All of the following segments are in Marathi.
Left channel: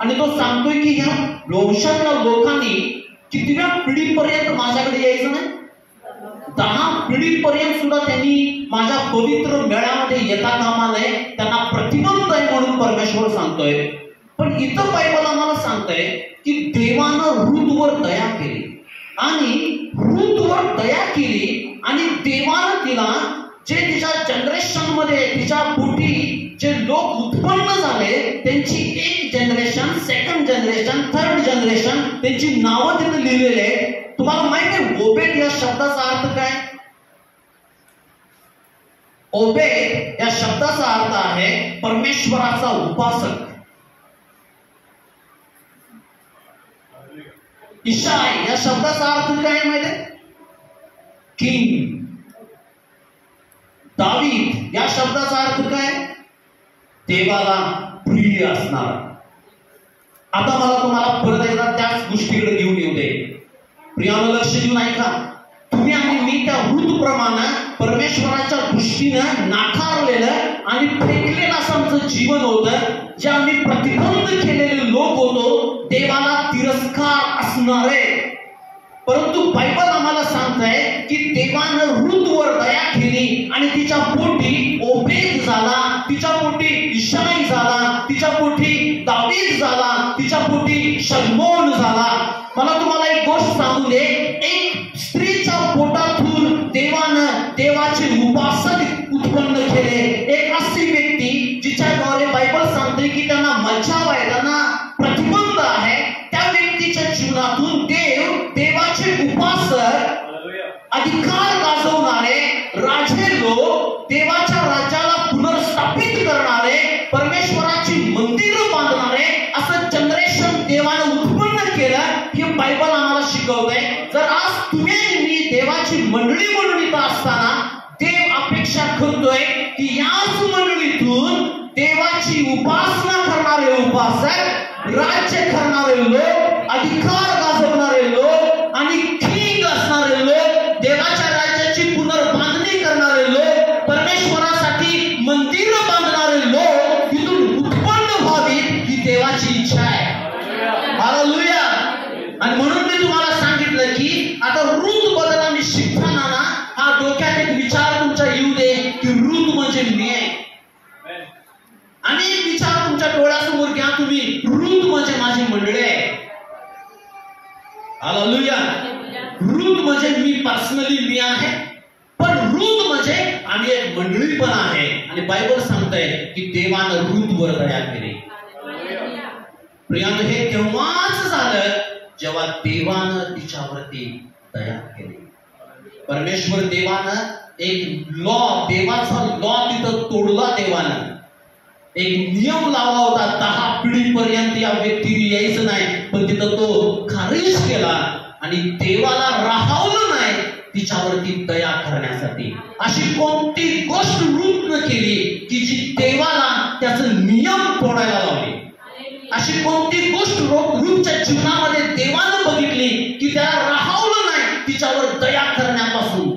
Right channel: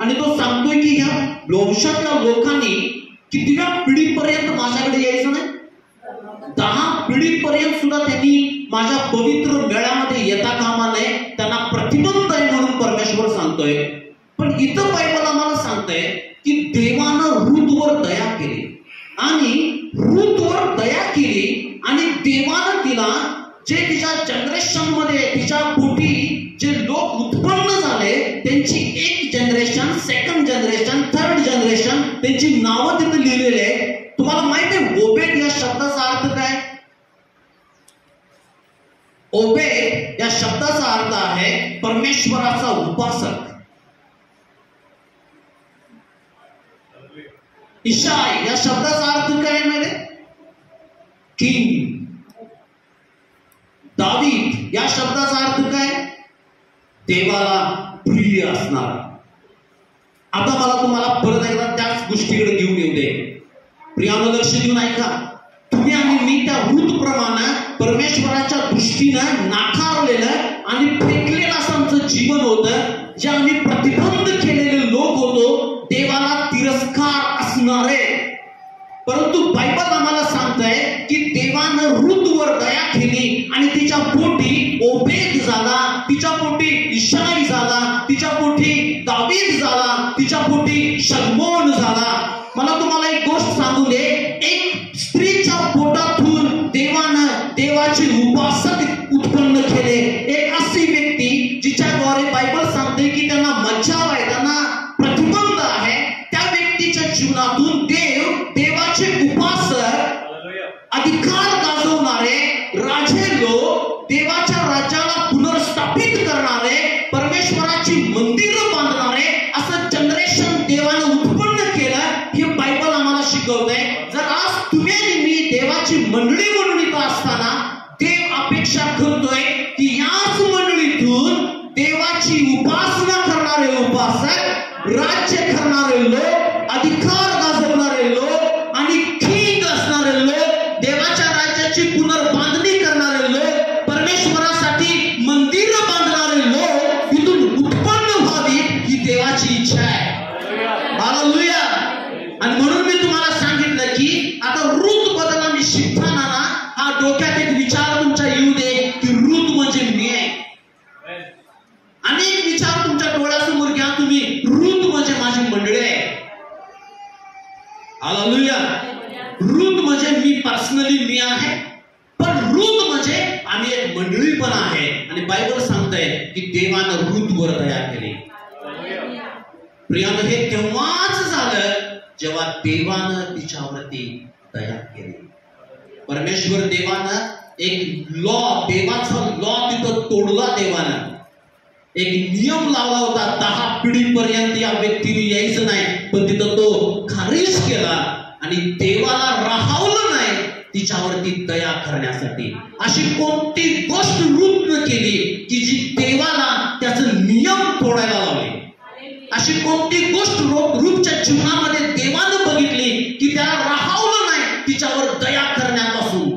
आणि तो सांगतोय की ह्या वंशातल्या लोकांनी कितव्या पिढीपर्यंत माझ्याकडे यायचं नाही, 10 पिढीपर्यंत सुद्धा त्यांनी माझ्या पवित्र मेळ्यामध्ये येता कामा नये, त्यांना प्रतिबंध आहे म्हणून परमेश्वर सांगतोय. पण इथं बायबल आम्हाला सांगतंय की देवानं रूथवर दया केली आणि रूथवर दया केली आणि देवानं तिला जे तिच्या जनरेशन मध्ये तिच्या पोटी जे लोक उत्पन्न झाले त्यांची एक generation, second generation, third generation त्यांची नावं तिथे लिहिलेले. तुम्हाला माहिती आहे ओबेद या शब्दाचा अर्थ काय? ओबेद या शब्दाचा अर्थ आहे परमेश्वराचा उपासक. इशाय या शब्दाचा अर्थ काय माहिती? किंग. दावीद या शब्दाचा अर्थ काय? देवाला प्रिय असणार. आता मला तुम्हाला परत एकदा त्याच गोष्टीकडे घेऊन येऊ दे. प्रियानं लक्ष देऊन ऐका. तुम्ही आणि मी त्या वृत्तप्रमाणे परमेश्वराच्या दृष्टीनं नाकारलेलं आणि फेकलेलं असं आमचं जीवन होतं, जे आम्ही प्रतिबंध केलेले लोक होतो, देवाला तिरस्कार असणारे. परंतु बायबल आम्हाला सांगतंय की देवानं रूथवर दया केली आणि तिच्या पोटी ओबेद झाला, तिच्या पोटी इशाई झाला, तिच्या पोटी दावीद झाला, तिच्या पोटी शल्मोन झाला. मला तुम्हाला एक गोष्ट सांगू दे, एक स्त्रीच्या पोटातून देवानं देवाचे उपासक उत्पन्न केले. एक अशी व्यक्ती जिच्याद्वारे बायबल सांगते की त्यांना मज्जाव आहे, त्यांना प्रतिबंध आहे. त्या व्यक्तीच्या जीवनातून देवाचे उपासक, अधिकार गाजवणारे, राजे लोक, देवाच्या राज्याला पुनर्स्थापित करणारे, परमेश्वराची मंदिरं बांधणारे असं जनरेशन देवानं उत्पन्न केलं. हे बायबल आम्हाला शिकवतंय. जर आज तुम्ही मी देवाची मंडळीत असताना देव अपेक्षा करतोय की याच मंडळीतून देवाची उपासना करणारे उपासक, राज्य करणारे लोक, अधिकार गाजवणारे लोक आणि किंग असणारे लोक, देवाच्या राज्याची पुनर्बांधणी करणारे लोक, परमेश्वरासाठी मंदिर बांधणारे लोक इथून उत्पन्न व्हावीत ही देवाची इच्छा आहे. हालेलुया. आणि म्हणून मी तुम्हाला सांगितलं की आता रूथ बद्दल आम्ही शिकताना ना हा डोक्यात एक विचार तुमच्या येऊ दे की रूथ म्हणजे मी आहे. अनेक विचार तुमच्या डोळ्यासमोर घ्या तुम्ही, रूथ म्हणजे माझी मंडळी आहे. हालेलुया. रूथ म्हणजे मी पर्सनली मी आहे, पण रूथ म्हणजे आम्ही एक मंडळी पण आहे. आणि बायबल सांगतंय की देवानं रूथवर दया केली. प्रियानं हे तेव्हाच झालं जेव्हा देवानं तिच्यावरती दया केली. परमेश्वर देवानं एक देवाचा लॉ तिथं तोडला. देवानं एक नियम लावला होता, 10 पिढीपर्यंत या व्यक्तीने यायचं नाही, पण तिथं तो खारिज केला आणि देवाला राहावलं नाही तिच्यावरती दया करण्यासाठी. अशी कोणती गोष्ट रूथनं केली की जी देवाला त्याचं नियम तोडायला लावली? अशी कोणती गोष्ट रूथच्या जीवनामध्ये देवानं बघितली की त्याला राहावलं नाही तिच्यावर दया करण्यापासून?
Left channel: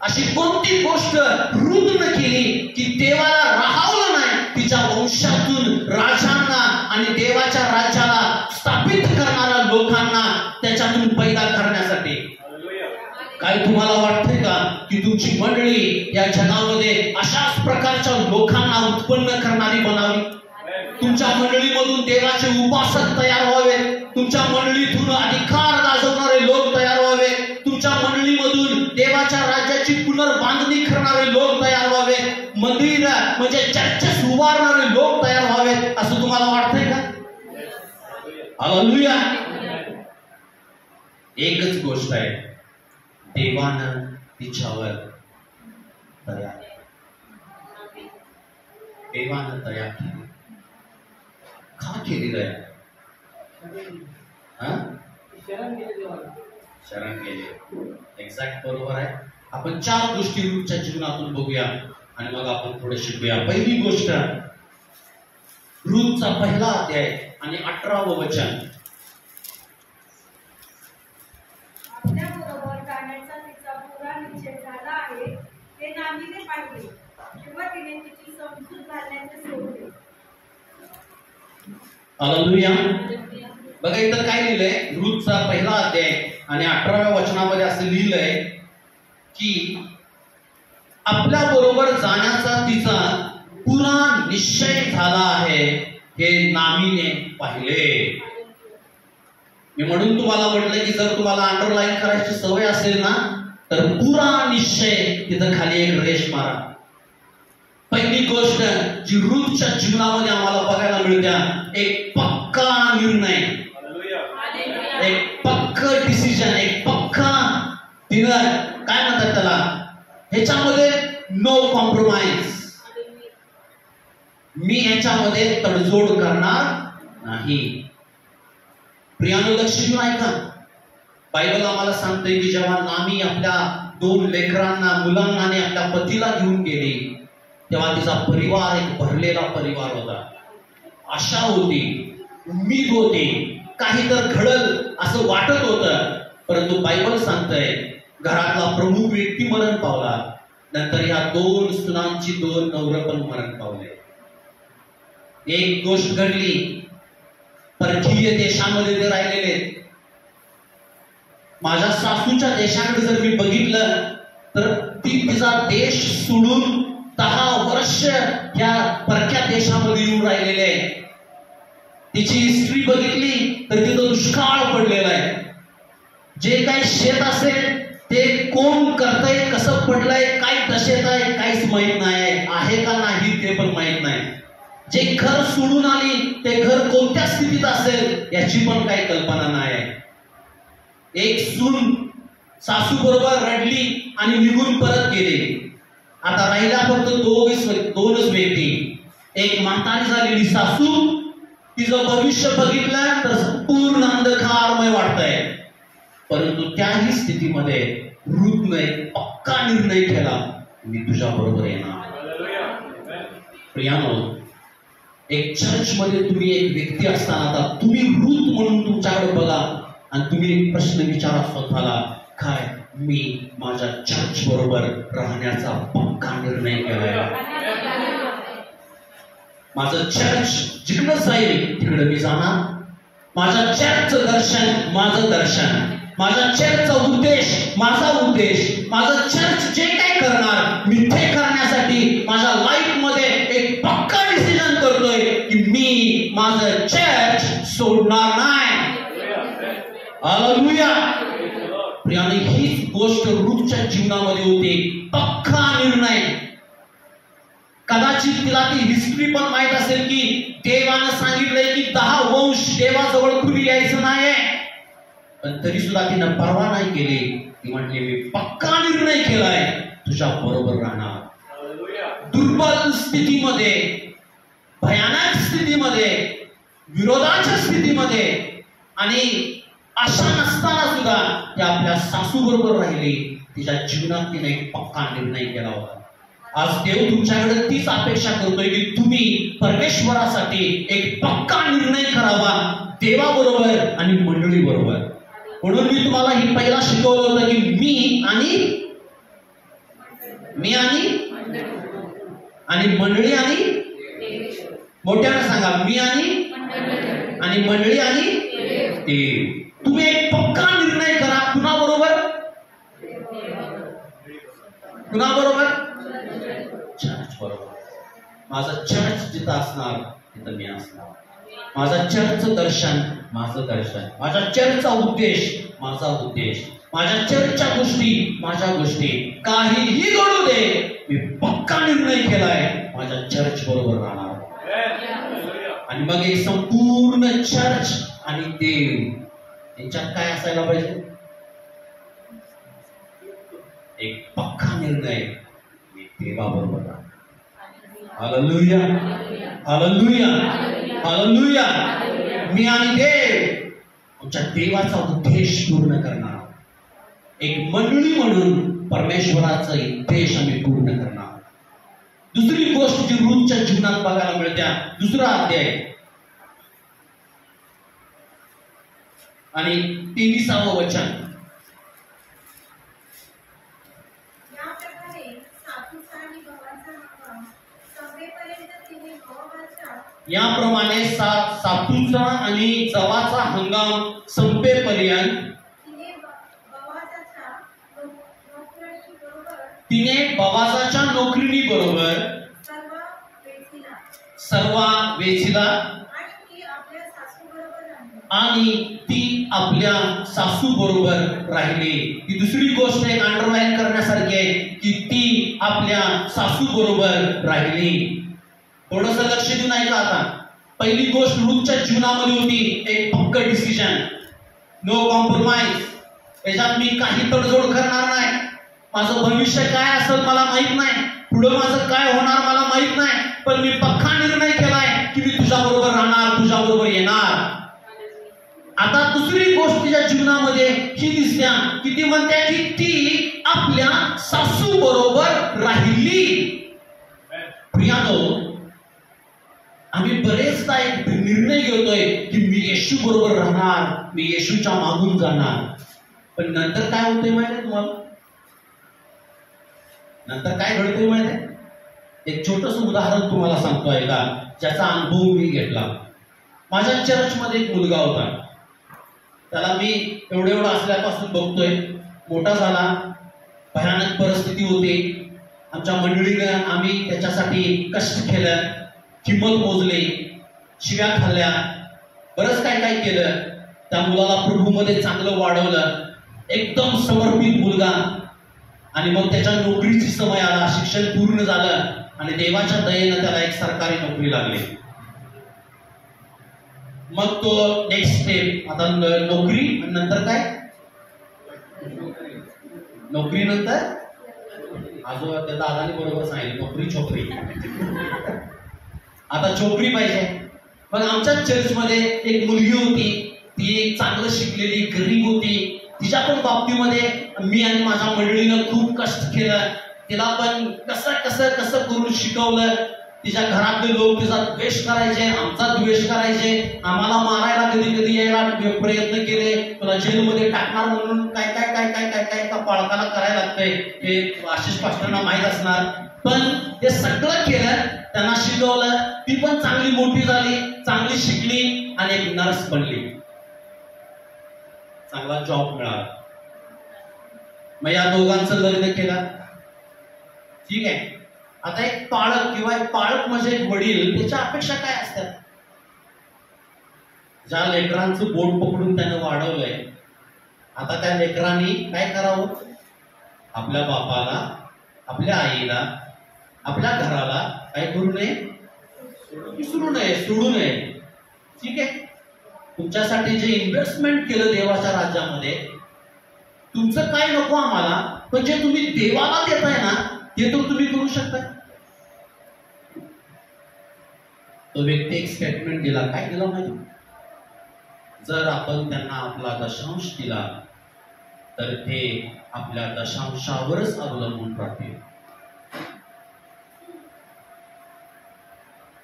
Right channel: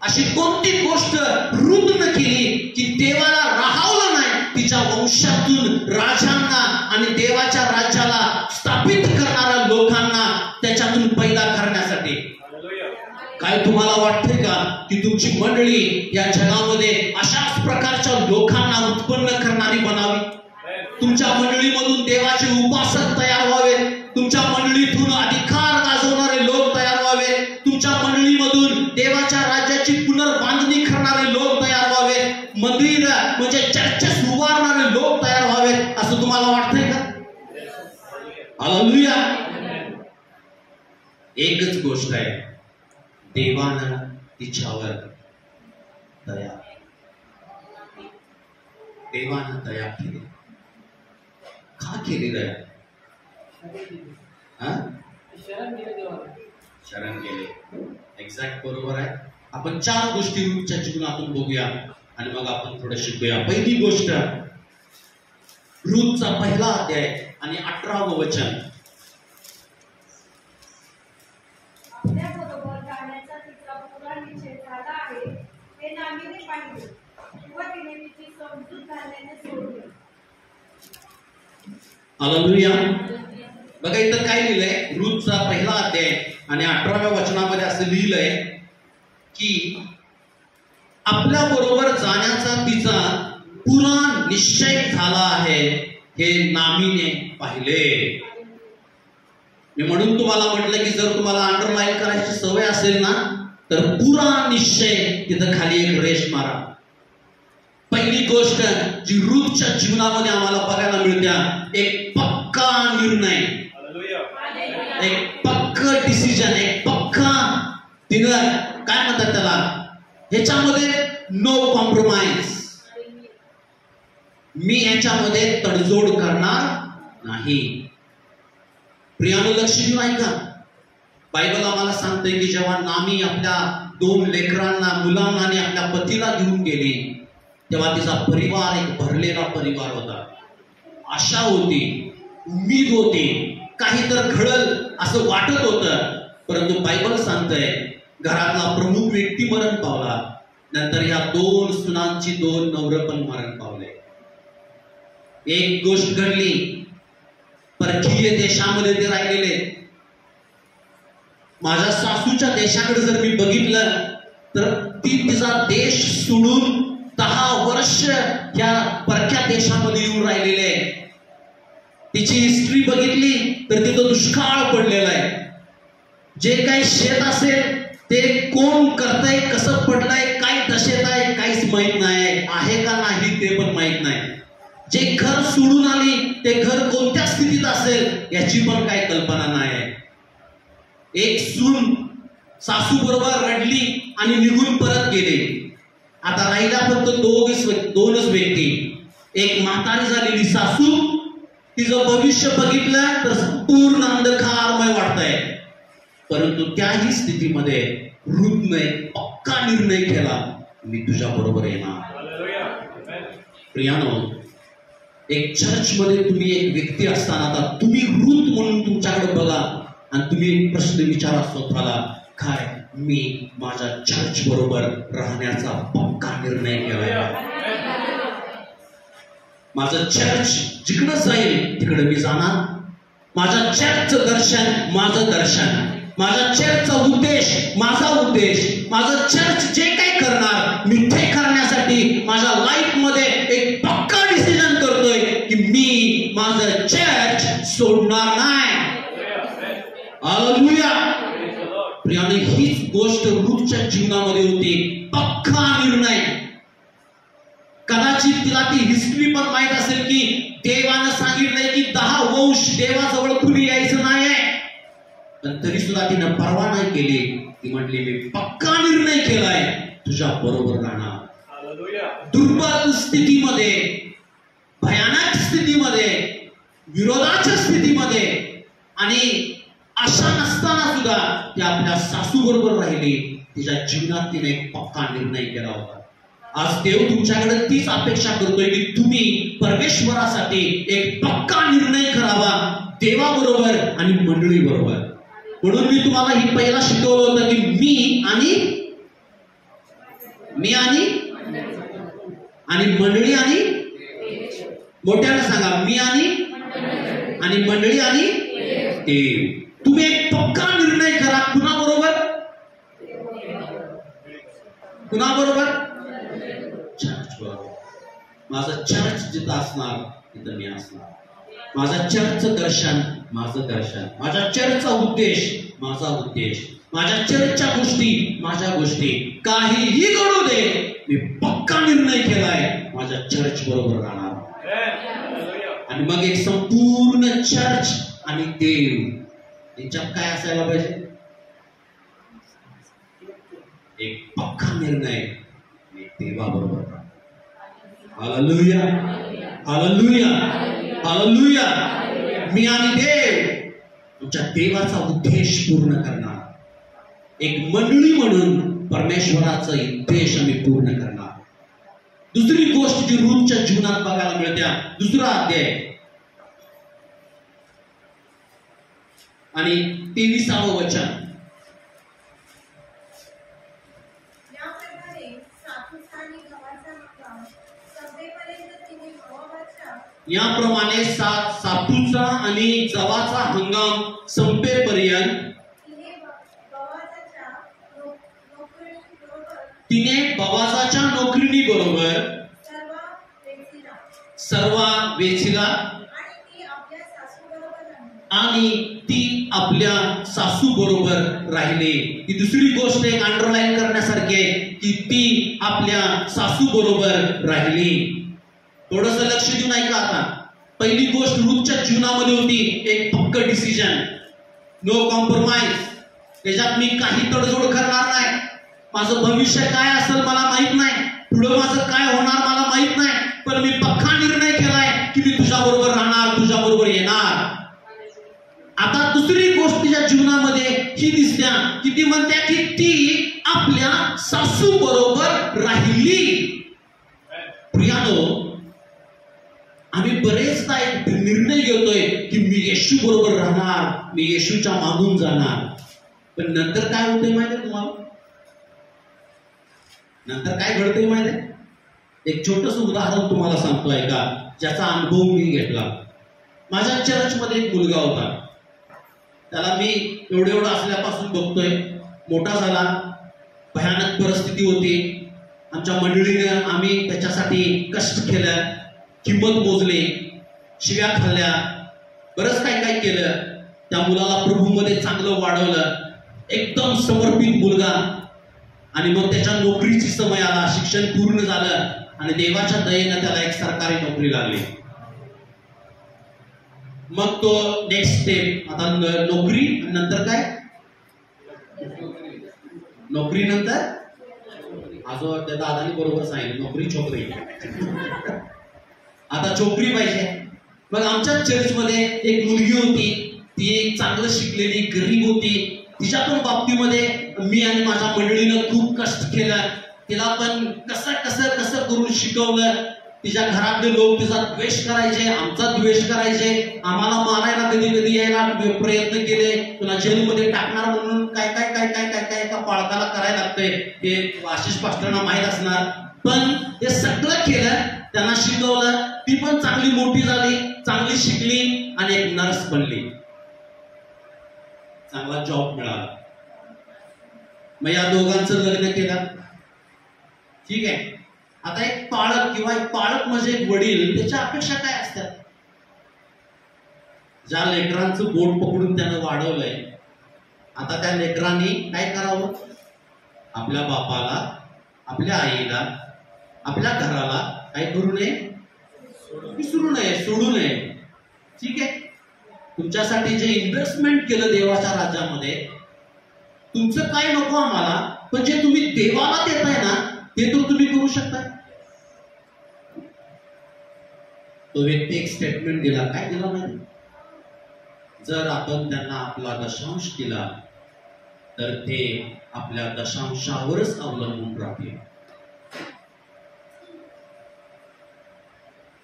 अशी कोणती गोष्ट रूथनं केली की देवाला राहावलं नाही तिच्या वंशातून राजांना आणि देवाच्या राज्याला स्थापित करणाऱ्या लोकांना त्याच्यातून पैदा करण्यासाठी? काय तुम्हाला वाटतंय का की तुमची मंडळी या जगामध्ये अशाच प्रकारच्या लोकांना उत्पन्न करणारी बनावी? तुमच्या मंडळीमधून देवाचे उपासक तयार व्हावे, तुमच्या मंडळीतून अधिकार गाजवणारे लोक तयार व्हावे, तुमच्या मंडळीमधून देवाच्या राज्याची पुनर्बांधणी करणारे लोक तयार व्हावे, मंदिर म्हणजे चर्चेस उभारणारे लोक तयार व्हावे, असं तुम्हाला वाटतंय का? हालेलुया. एकच गोष्ट आहे, देवानं तिच्यावर दया, देवानं दया केली. का केली दया? शरण गेले. एक्झॅक्ट बरोबर आहे. आपण 4 गोष्टी रूथच्या जीवनातून बघूया आणि मग आपण थोडं शिकूया. पहिली गोष्ट, रूथचा पहिला अध्याय आणि 18वं वचन. आपल्याबरोबर जाण्याचा तिचा पुरा निश्चय झाला आहे हे नामीने पाहिले, तेव्हा तिने तिची समजूत घालण्याचे सोडले. हालेलुया. बघा इथं काय लिहिलंय, रूथचा पहिला अध्याय आणि 18व्या वचनामध्ये असं लिहिलंय की आपल्या बरोबर जाण्याचा तिचा पुरा निश्चय झाला आहे हे नामीने पाहिले. मी म्हणून तुम्हाला म्हटलं की जर तुम्हाला अंडरलाईन करायची सवय असेल ना तर पुरा निश्चय तिथं खाली एक रेष मारा. पहिली गोष्ट जी रूथच्या जीवनामध्ये आम्हाला बघायला मिळते, एक पक्का निर्णय, एक पक्का डिसिजन, एक पक्का तिनं काय म्हणतात त्याला, ह्याच्यामध्ये नो कॉम्प्रोमाइज. मी याच्यामध्ये तडजोड करणार नाही. प्रियानं लक्ष देऊन ऐका. बायबल आम्हाला सांगते की जेव्हा नामी आपल्या 2 लेकरांना, मुलांना आणि आपल्या पतीला घेऊन गेली तेव्हा तिचा परिवार एक भरलेला परिवार होता. आशा होती, उम्मीद होती, काही तर घडल असं वाटत होतं. परंतु बायबल सांगतंय घरातला प्रमुख व्यक्ती मरण पावला. नंतर ह्या 2 सुनांची 2 नवरं पण मरण पावले. एक गोष्ट घडली, परकीय देशामध्ये ते राहिलेले. माझ्या सासूच्या देशाकडे जर मी बघितलं तर ती तिचा देश सोडून 10 वर्ष या परक्या देशामध्ये येऊन राहिलेले आहे. तिची हिस्ट्री बघितली तर तिथं दुष्काळ पडलेला आहे. जे काही शेत असेल ते कोण करतंय, कसं पडलंय, काय दशेत आहे काहीच माहित नाही, आहे का नाही ते पण माहित नाही. जे घर सोडून आली ते घर कोणत्या स्थितीत असेल याची पण काही कल्पना नाही. एक सून सासू बरोबर रडली आणि निघून परत गेली. आता राहिला फक्त 2च व्यक्ती. एक म्हातारी झालेली सासू, तिचं भविष्य बघितलं तर पूर्ण अंधकारमय वाटतंय. परंतु त्याही स्थितीमध्ये रूथने पक्का निर्णय केला, मी तुझ्या बरोबर येणार. प्रियानो, एक चर्च मध्ये तुम्ही एक व्यक्ती असताना आता तुम्ही रूथ म्हणून तुमच्याकडे बघा आणि तुम्ही प्रश्न विचारा स्वतःला, काय मी माझ्या चर्च बरोबर राहण्याचा पक्का निर्णय केलाय? माझं चर्च जिकडे जाईल तिकडे मी जाणार. माझ्या चर्चचं दर्शन माझं दर्शन, माझ्या चर्चचा उद्देश माझा उद्देश, माझं चर्च जे काही करणार मी ते करण्यासाठी माझ्या लाईफ मध्ये एक पक्का डिसिजन करतोय की मी माझं चर्च सोडणार नाही. हालेलुया. प्रियाने, हीच गोष्ट रूथच्या जीवनामध्ये होती, पक्का निर्णय. कदाचित तिला ती हिस्ट्री पण माहित असेल की देवानं सांगितलंय की 10 वंश देवाजवळ खुली यायचं नाहीये, पण तरी सुद्धा तिनं परवा नाही केली. ती म्हटली मी पक्का निर्णय केलाय, तुझ्या बरोबर राहणार. दुर्बल स्थितीमध्ये, भयानक स्थितीमध्ये, विरोधाच्या स्थितीमध्ये आणि आशा नसताना सुद्धा ती आपल्या सासू बरोबर राहिली. तिच्या जीवनात तिने एक पक्का निर्णय केला होता. आज देव तुमच्याकडे तीच अपेक्षा करतोय की तुम्ही परमेश्वरासाठी एक पक्का निर्णय करावा, देवाबरोबर आणि मंडळी बरोबर. म्हणून मी तुम्हाला ही पहिला शिकवलं होतं की मी आणि मंडळी आणि मोठ्यानं सांगा, मी आणि मंडळी आणि देव. तुम्ही एक पक्का निर्णय करा. कुणाबरोबर? चर्च बरोबर. माझं चर्च जिथं असणार तिथं मी असणार. माझा चर्चचं दर्शन माझं दर्शन, माझ्या चर्चचा उद्देश माझा उद्देश, माझ्या चर्चच्या गोष्टी माझ्या गोष्टी. काहीही घडू दे, मी पक्का निर्णय केलाय माझ्या चर्च बरोबर राहणार. आणि मग एक संपूर्ण चर्च आणि देव यांच्यात काय असायला पाहिजे? एक पक्का निर्णय, मी देवाबरोबर राहणार. Hallelujah, hallelujah, hallelujah. मी आणि देव आमच्या देवाचा उद्देश पूर्ण करणार. एक मंडळी म्हणून परमेश्वराचा उद्देश आम्ही पूर्ण करणार. दुसरी गोष्ट जी रूथच्या जीवनात बघायला मिळते, 2रा अध्याय आणि 23वे वचन. याप्रमाणे सातूच आणि जवाचा हंगाम संपेपर्यंत तिने बवाजाच्या नोकरीनी बरोबर सर्व वेचीला आणि ती आपल्या सासू बरोबर राहिली. ही दुसरी गोष्ट एक अंडरलाईन करण्यासारखी आहे की ती आपल्या सासू बरोबर राहिली. थोडंसं लक्ष देऊन ऐका आता. पहिली गोष्ट रूथच्या जीवनामध्ये होती एक पक्क डिसिजन, नो कॉम्प्रोमाइज. त्याच्यात मी काही तडजोड करणार नाही. माझं भविष्य काय असेल मला माहित नाही, पुढे माझं काय होणार मला माहित नाही, पण मी पक्का निर्णय केलाय की मी तुझ्या बरोबर राहणार, तुझ्या बरोबर येणार. आता दुसरी गोष्ट तिच्या जीवनामध्ये ही दिसत्या की ती म्हणते की ती आपल्या सासू बरोबर राहिली. प्रियानो, आम्ही बरेचदा एक निर्णय घेतोय की मी येशू बरोबर राहणार, मी येशूच्या मागून जाणार. पण नंतर काय होतंय माहिती आहे तुम्हाला? नंतर काय घडतंय माहिती आहे? एक छोटस उदाहरण तुम्हाला सांगतोय का, ज्याचा अनुभव मी घेतला. माझ्या चर्चमध्ये एक मुलगा होता. त्याला मी एवढं असल्यापासून बघतोय, मोठा झाला, भयानक परिस्थिती होती. आमच्या मंडळीने आम्ही त्याच्यासाठी कष्ट केलं, किंमत मोजली, शिव्या खाल्ल्या, बरंच काय काय केलं. त्या मुलाला प्रभूमध्ये चांगलं वाढवलं, एकदम समर्पित मुलगा. आणि मग त्याच्या नोकरीची समय आला, शिक्षण पूर्ण झालं आणि देवाच्या दयेनं त्याला एक सरकारी नोकरी लागली. मग तो नेक्स्ट स्टेप, आता नोकरी नंतर काय, नोकरी नंतर आजो त्या दादानी बरोबर सांगितलं, नोकरी छोकरी. आता छोकरी पाहिजे. मग आमच्या चर्चमध्ये एक मुलगी होती, ती एक चांगलं शिकलेली गरीब होती. तिच्या पण बाबतीमध्ये मी आणि माझ्या मंडळीनं खूप कष्ट केलं. तिला पण कसं कसं कसं करून शिकवलं. तिच्या घरातले लोक तिचा द्वेष करायचे, आमचा द्वेष करायचे, आम्हाला मारायला कधी कधी यायला प्रयत्न केले. तुला जेलमध्ये टाकणार म्हणून काय काय काय काय काय काय एका पालकाला करायला लागतंय हे आशिष पास्टरांना माहीत असणार. पण हे सगळं केलं, त्यांना शिकवलं. ती पण चांगली मोठी झाली, चांगली शिकली आणि एक नर्स बनली. चांगला जॉब मिळाला. मग या दोघांचं लग्न केलं. ठीक आहे. आता एक पालक किंवा एक पालक म्हणजे एक वडील, त्याच्या अपेक्षा काय असतात? ज्या लेकरांचं बोट पकडून त्यानं वाढवलंय, आता त्या लेकरांनी काय करावं? आपल्या बापाला, आपल्या आईला, आपल्या घराला काय करू नये? विसरू नये, सोडू नये. ठीक आहे. तुमच्यासाठी जे इन्व्हेस्टमेंट केलं देवाच्या राज्यामध्ये, तुमचं काय नको आम्हाला, पण जे तुम्ही देवाला देताय ना ते तर तुम्ही करू शकता. तो व्यक्ती एक स्टेटमेंट दिला. काय दिला माहिती? जर आपण त्यांना आपला दशांश दिला तर ते आपल्या दशांशावरच अवलंबून राहतील.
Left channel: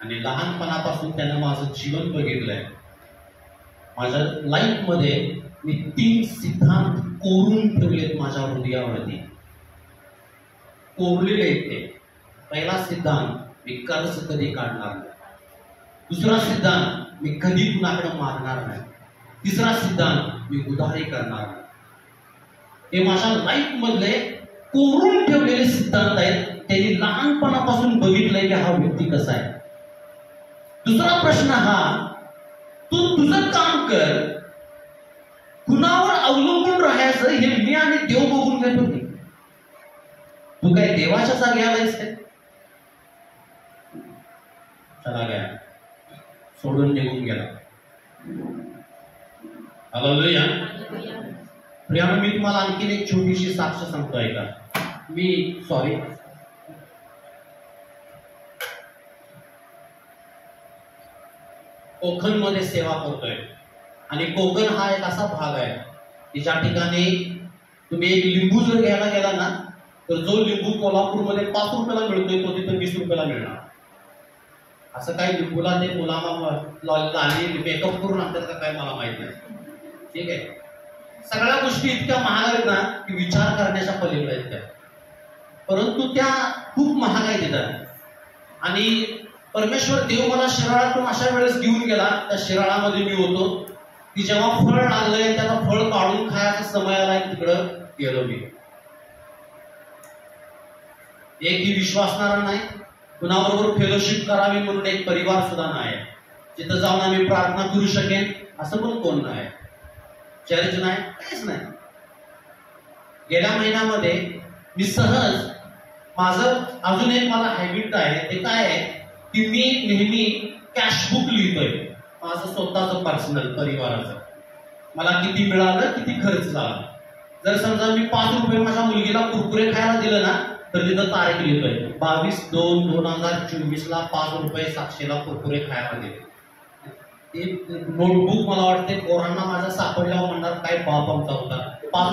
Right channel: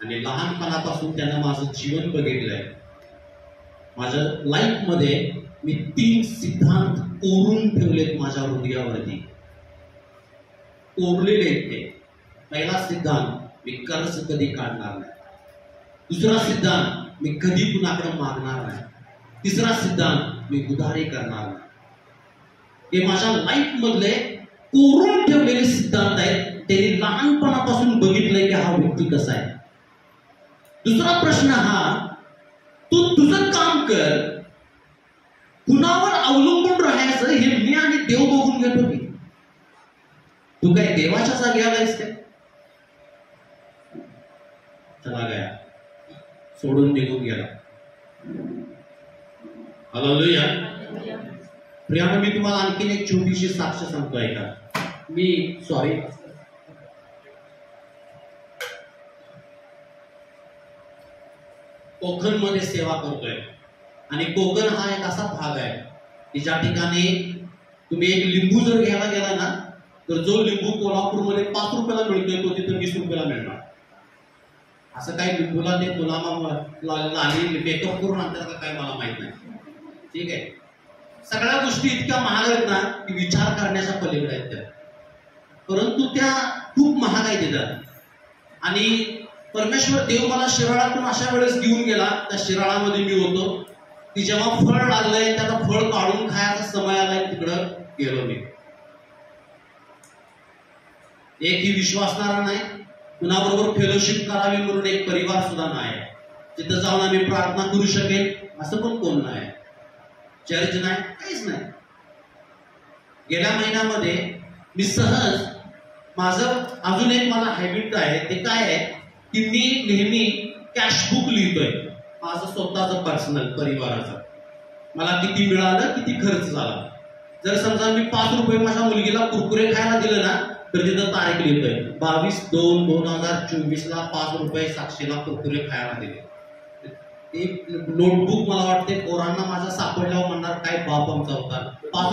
आणि लहानपणापासून त्यानं माझं जीवन बघितलंय. माझ्या लाईफ मध्ये मी 3 सिद्धांत कोरून ठेवलेत माझ्या हृदयावरती, कोरलेले ते. पहिला सिद्धांत, मी कर्ज कधी काढणार नाही. दुसरा सिद्धांत, मी कधी कुणाकडे मागणार नाही. तिसरा सिद्धांत, मी उधारी करणार नाही. हे माझ्या लाईफ मधले कोरून ठेवलेले सिद्धांत आहेत. त्यांनी लहानपणापासून बघितलंय की हा व्यक्ती कसा आहे. दुसरा प्रश्न हा, तू तुझं काम कर, कुणावर अवलंबून राहायचं हे मी आणि देव बघून घेतो की. तू काय देवाच्या जागी आलायस काय? चला गया, सोडून निघून गेला. हालेलुया. प्रियानो, मी तुम्हाला आणखीन एक छोटीशी साक्ष सांगतोय का. मी कोकण मध्ये सेवा करतोय. आणि कोकण हा एक असा भाग आहे की ज्या ठिकाणी तुम्ही एक लिंबू जर घ्यायला गेला ना, तर जो लिंबू कोल्हापूरमध्ये 5 रुपयाला मिळतोय तो तिथं 20 रुपयाला मिळणार. असं काही लिंबूला ते लाली मेकअप करून आणतात का काय मला माहित नाही. ठीक आहे. सगळ्या गोष्टी इतक्या महाग आहेत ना की विचार करण्याच्या पलीकडे आहेत त्या. परंतु त्या खूप महाग आहेत तिथं. आणि परमेश्वर देव मला शिराळातून अशा वेळेस घेऊन गेला, त्या शिराळामध्ये मी होतो की जेव्हा फळ लागलंय त्याला फळ काढून खायचा समय आलाय, तिकडं गेलो मी. एकही विश्वासणारा नाही, कुणाबरोबर फेलोशिप करावी म्हणून एक परिवार सुद्धा नाही, जिथं जाऊन आम्ही प्रार्थना करू शकेन असं पण कोण नाही, चर्च नाही, काहीच नाही. गेल्या महिन्यामध्ये मी सहज माझं अजून एक मला हॅबिट आहे, ते काय आहे की मी नेहमी कॅशबुक लिहितोय, माझं स्वतःचं पर्सनल परिवाराचं. मला किती मिळालं, किती खर्च झाला. जर समजा मी 5 रुपये माझ्या मुलगीला कुरकुरे खायला दिलं ना, तर तिथं तारीख लिहितोय 22/2/2024 ला 5 रुपये साक्षीला कुरकुरे खायला दिले. ते नोटबुक मला वाटते पोरांना माझ्या सापडल्यावर म्हणणार काय बाप आमचा होता. 5